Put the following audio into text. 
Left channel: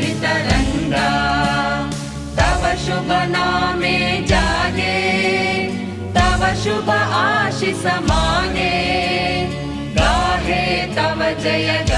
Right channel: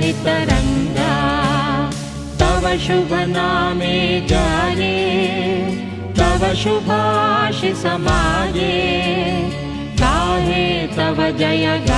तरंगा तव शुभ नामे जाने तव शुभ आशीष माने गाहे तव जय